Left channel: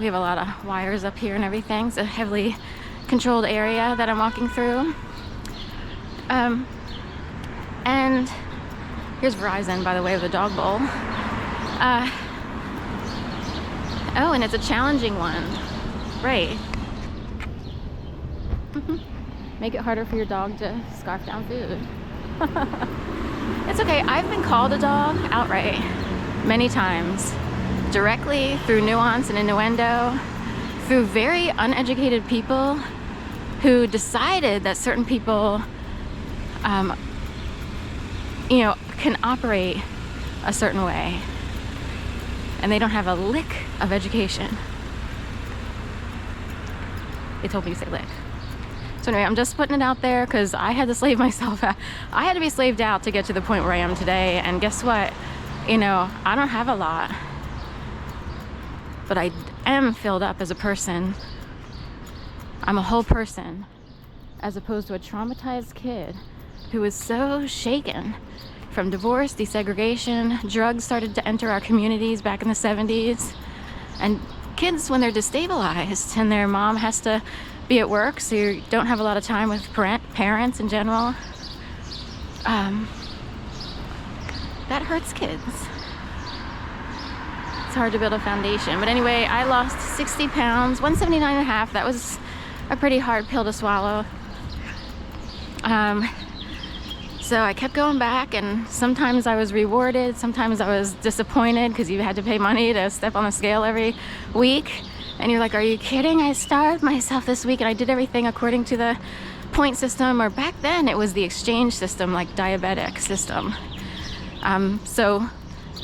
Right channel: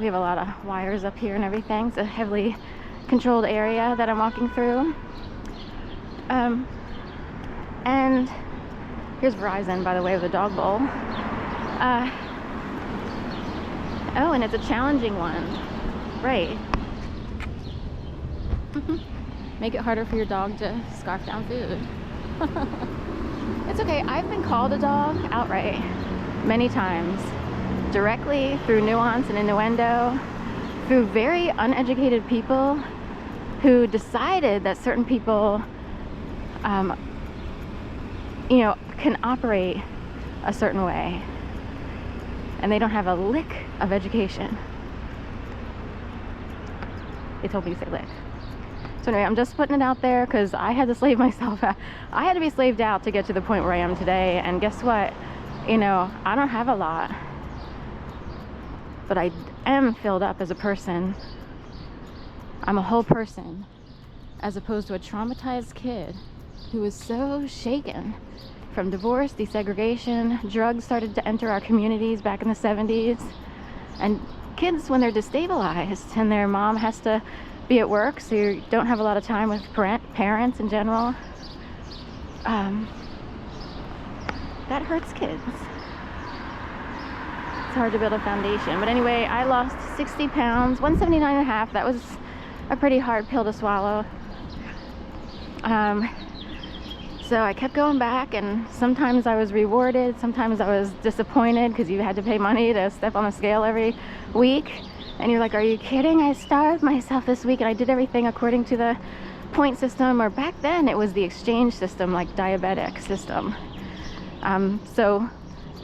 We have a lot of wires up here and everything. It's a heavily controlled area that I'm walking through. And here's Verizon, by the way, with the dog bowl. Oh, and it's a challenging one. Right. Make it harder for your dog to scarf down food. It's okay. I've been called a dog outright many times, directly through nuance and innuendo, through very uneducated people who decided that certain people, can operate a certain way, and they don't have a lick of education. They told me to say lick. So anyway, I'm just putting it out there because I had to slave myself out. I had to be slaved out to get to the point where I am today. And guess what? I don't have a lot, but I am filled up as a person. I'm a whole person, as opposed to a traumatized kid who was so shaken from divorce, desegregation. Drugs started to enter our communities back in the 70s. And kids, when they're destabilized and their mom has to be at work, so you don't have a lot of time with parents in general, that hurts kids. It's hard to build a foundation. But anyway, I lost 60 pounds, 179.5. That was a pretty hard pill to swallow. So I kept going back, and sometimes I was rewarded, sometimes I was disappointed because you had to pay money to step on the scale every week. And you're like, are you kidding? I starved myself this week and I did everything according to the point system, or back then it was the exchange system, like diabetic system. So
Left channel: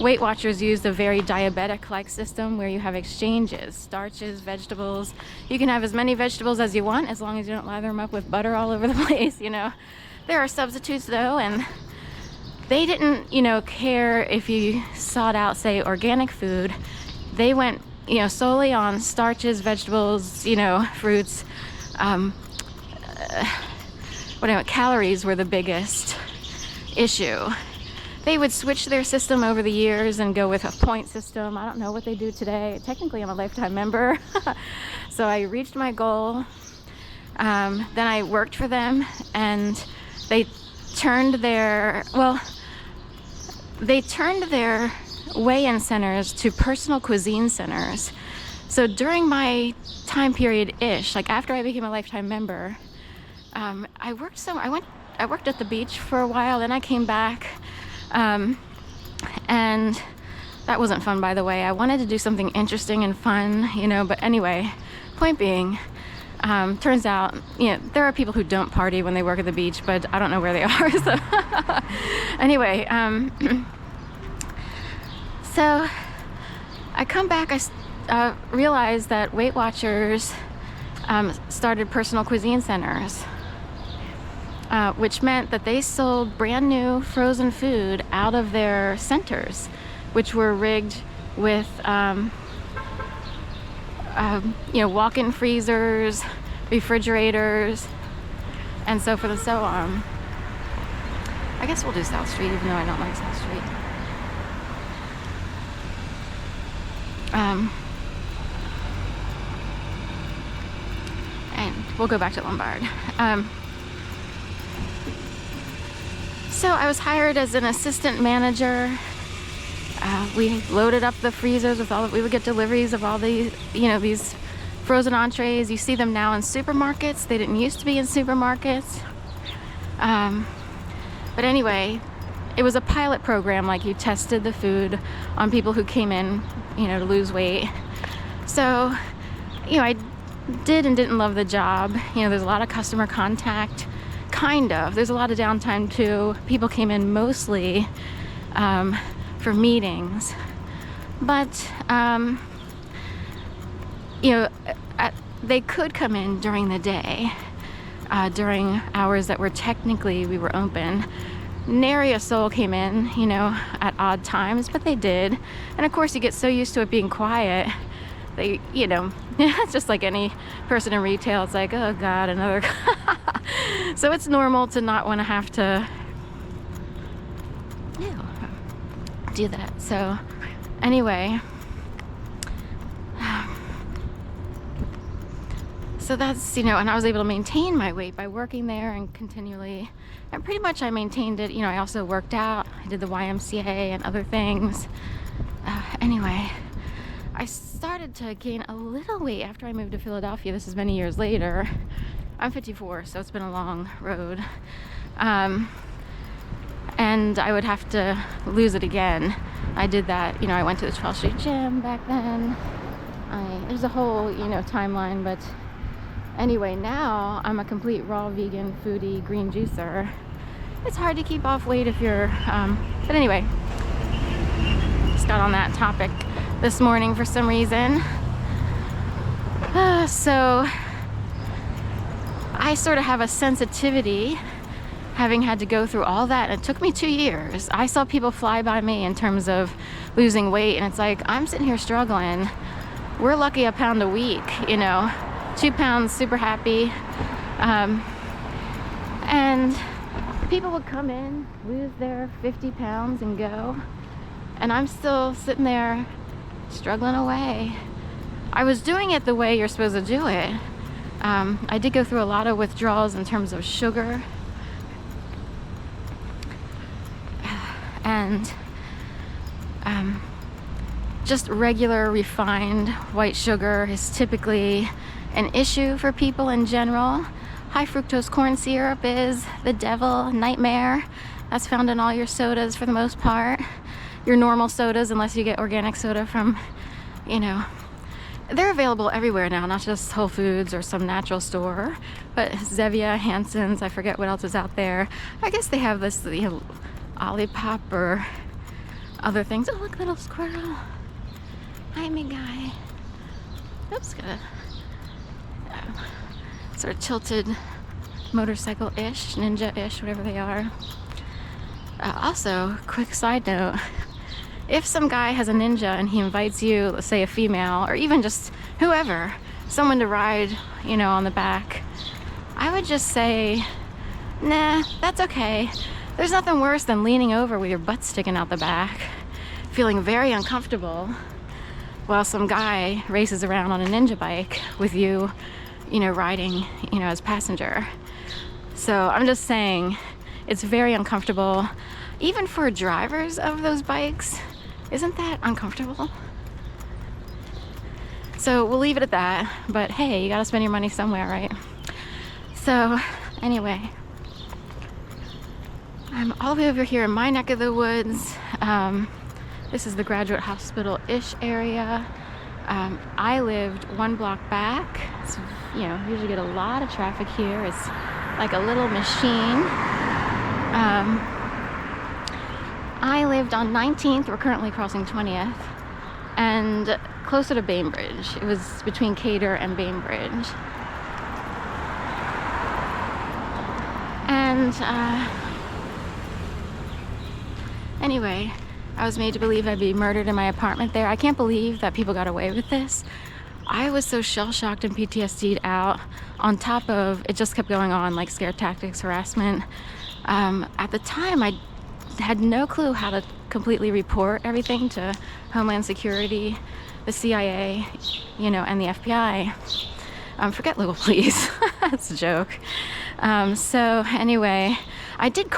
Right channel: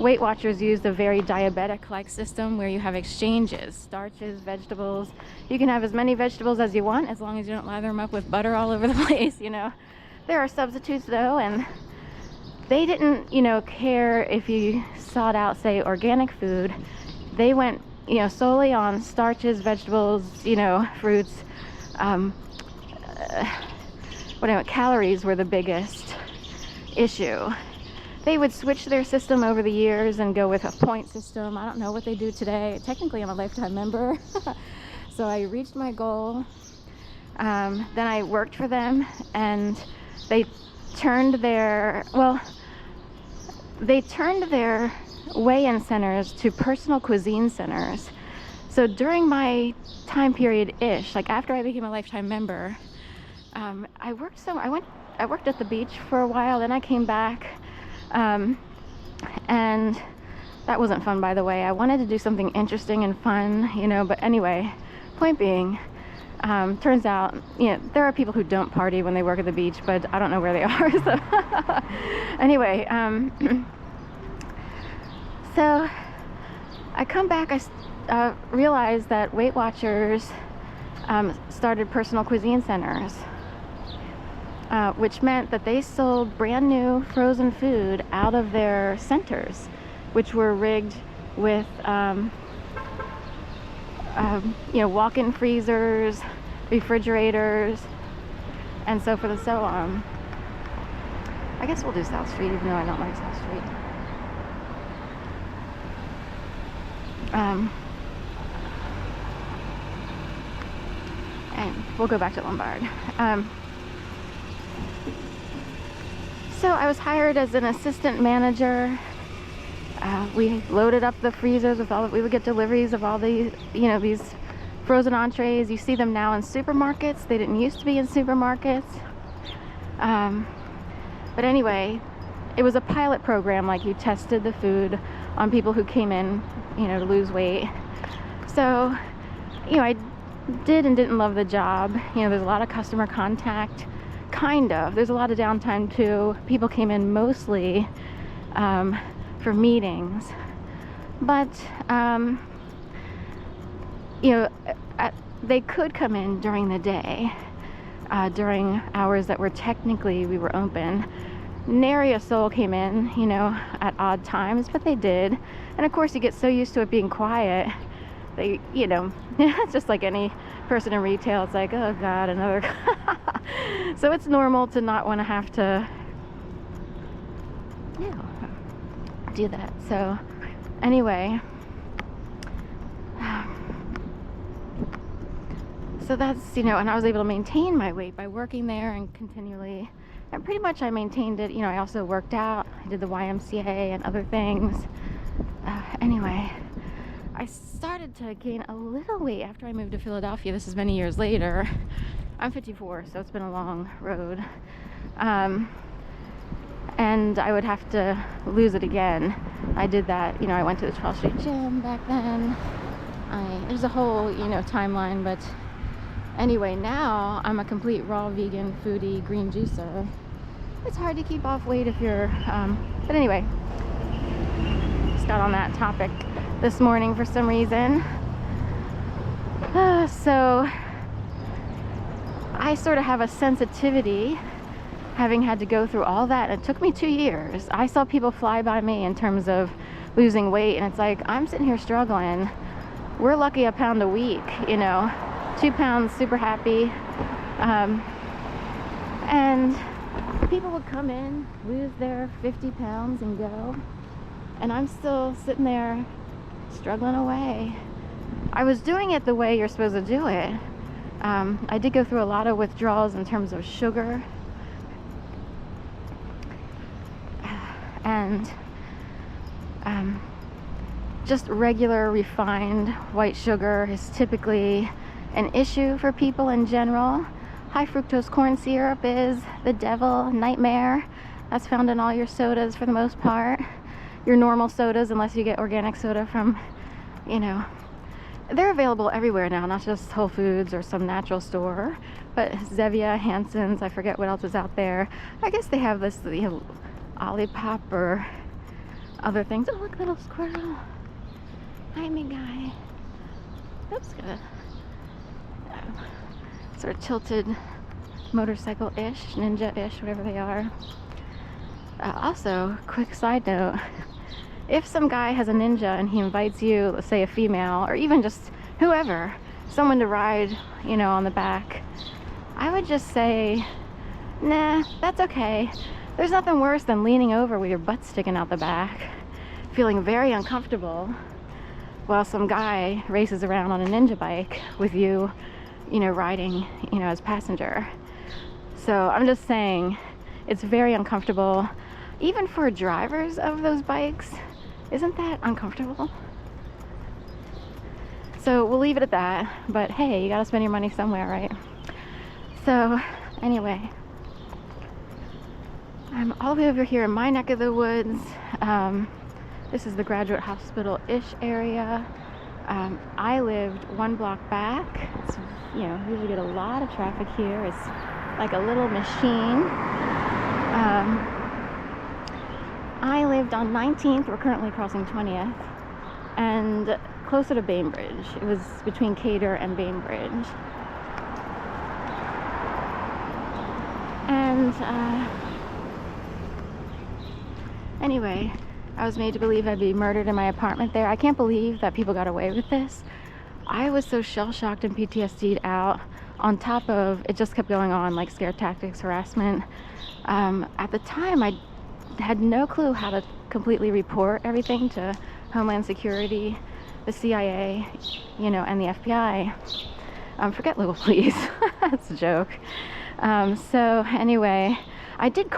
Weight Watchers used a very diabetic-like system where you have exchanges, starches, vegetables. You can have as many vegetables as you want as long as you don't lather them up with butter all over the place, There are substitutes though, and they didn't, care if you sought out, say, organic food. They went, solely on starches, vegetables, fruits. Calories were the biggest issue. They would switch their system over the years and go with a point system. I don't know what they do today. Technically, I'm a lifetime member. So I reached my goal. Then I worked for them, and they turned their weigh-in centers to personal cuisine centers. So during my time period-ish, like after I became a lifetime member, I worked at the beach for a while, then I came back, and that wasn't fun, by the way. I wanted to do something interesting and fun, but anyway, point being, turns out, there are people who don't party when they work at the beach, but I don't know where they are. So anyway, so I come back, I realized that Weight Watchers started personal cuisine centers, which meant that they sold brand new frozen food out of their centers, which were rigged with walk-in freezers, refrigerators, and so forth and so on. I guess we'll do South Street, even though I don't like South Street. And we'll go back to Lombard. So I was hired as an assistant manager. We loaded up the freezers with we would get deliveries of all these, these frozen entrees. You see them now in supermarkets. They didn't used to be in supermarkets. But anyway, it was a pilot program. Like, you tested the food on people who came in, to lose weight. So, I did and didn't love the job. There's a lot of customer contact. Kind of. There's a lot of downtime too. People came in mostly for meetings. But, they could come in during the day, during hours that were technically we were open. Nary a soul came in, at odd times, but they did. And of course, you get so used to it being quiet, they, it's just like any person in retail. It's like, oh God, another. So it's normal to not want to have to do that. So anyway, So that's, you know, and I was able to maintain my weight by working there and continually, and pretty much I maintained it. You know, I also worked out, I did the YMCA and other things. Anyway, I started to gain a little weight after I moved to Philadelphia. This is many years later. I'm 54, so it's been a long road. And I would have to lose it again. I did that, you know, I went to the 12th Street Gym back then. There's a whole, you know, timeline, but anyway, now I'm a complete raw vegan foodie green juicer. It's hard to keep off weight if you're, but anyway, just got on that topic this morning for some reason. So I sort of have a sensitivity, having had to go through all that. It took me 2 years. I saw people fly by me in terms of losing weight, and it's like, I'm sitting here struggling. We're lucky a pound a week, you know, 2 pounds, super happy. And people would come in, lose their 50 pounds and go, and I'm still sitting there struggling away. I was doing it the way you're supposed to do it. I did go through a lot of withdrawals in terms of sugar. And just regular refined white sugar is typically an issue for people in general. High fructose corn syrup is the devil, nightmare. That's found in all your sodas for the most part. Your normal sodas, unless you get organic soda from, you know, they're available everywhere now, not just Whole Foods or some natural store, but Zevia, Hanson's, I forget what else was out there. I guess they have this, you know, Olipop or other things. Oh, look, little squirrel. Hi, me guy. Oops, got a sort of tilted motorcycle-ish, ninja-ish, whatever they are. Also, quick side note, if some guy has a ninja and he invites you, let's say a female, or even just whoever, someone to ride, you know, on the back, I would just say, nah, that's okay. There's nothing worse than leaning over with your butt sticking out the back, feeling very uncomfortable while some guy races around on a ninja bike with you, you know, riding, you know, as passenger. So I'm just saying, it's very uncomfortable, even for drivers of those bikes. Isn't that uncomfortable? So we'll leave it at that, but hey, you gotta spend your money somewhere, right? So anyway, I'm all the way over here in my neck of the woods. This is the Graduate Hospital-ish area. I lived 1 block back. It's, you know, usually get a lot of traffic here. It's like a little machine. I lived on 19th. We're currently crossing 20th, and closer to Bainbridge. It was between Cater and Bainbridge. And anyway, I was made to believe I'd be murdered in my apartment there. I can't believe that people got away with this. I was so shell-shocked and PTSD'd out, on top of it just kept going on, like scare tactics, harassment. At the time, I had no clue how to completely report everything to Homeland Security, the CIA, you know, and the FBI. Forget local police. That's a joke. So anyway, I did